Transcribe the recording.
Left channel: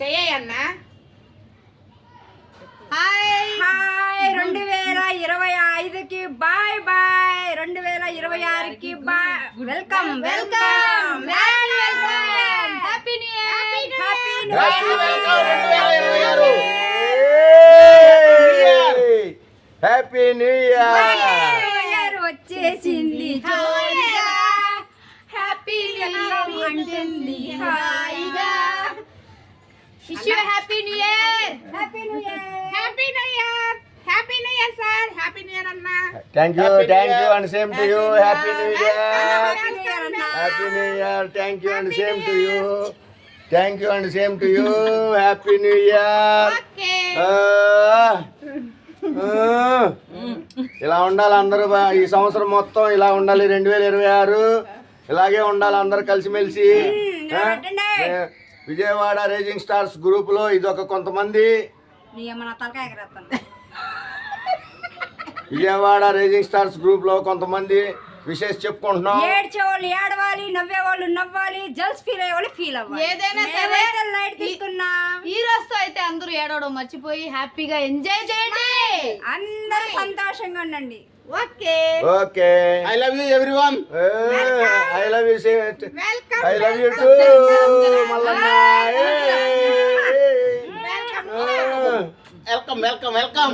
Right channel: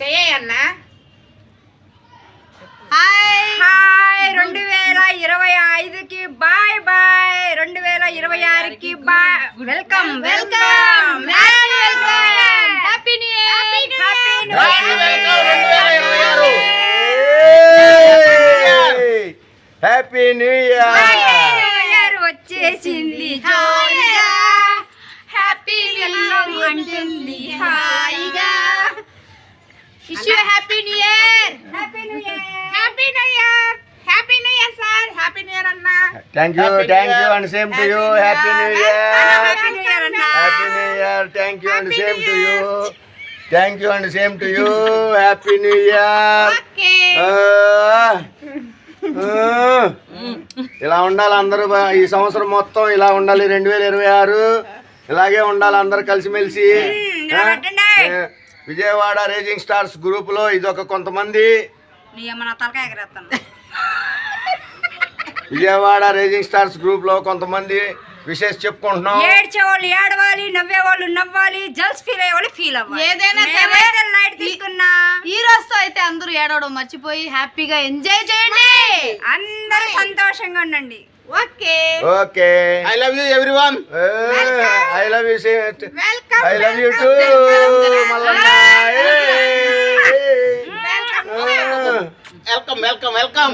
చెయ్యన్నా. Hi hi 2025కి bye bye, 2026కి bye. Welcome welcome happy new year, happy new year వచ్చేసింది జోరుగా, happy welcome అంటుంది హాయిగా. Wish you happy new year, happy new year, happy new year, happy new year sir, happy new year అన్నా. Thank you and same to you. Happy new year, happy new year అన్న. Happy new year. Thank you and same to you. Thank you and same to you. Happy new year. Okay. ఇలా ఉండాలి అందరూ, ఈ సంవత్సరం మొత్తం ఇలా ఉండాలి. 2026 ఇలాగే ఉండాలి అందరు కలిసిమెలిసి. విజయవాడ రేజింగ్ స్టార్స్ గ్రూప్ లో ఇదొక కొంతమంది, తలకాయ ఎగరేస్తాను. విజయవాడ రేజింగ్ స్టార్స్ గ్రూప్ లో కొంతమంది విశేష చెప్పుకుంటున్నాం. ఏడ్చేవాళ్ళు ఏడవాలి, నవ్వేవాళ్ళు నవ్వాలి, జల్స్ ఫీల్ అయ్యేవాళ్ళు ఫీల్ అవ్వాలి. ఏదైనా సరే లైట్ తీసుకున్నా ఈ రోజుతో అయితే అందరూ ఏడవడం మర్చిపోయి హ్యాపీగా ఎంజాయ్ చేయండి. అందరూ సంతోషంగా ఉండండి. Okay okay, I love you everyone. I love you. Welcome. I love you two Mallanna. Welcome.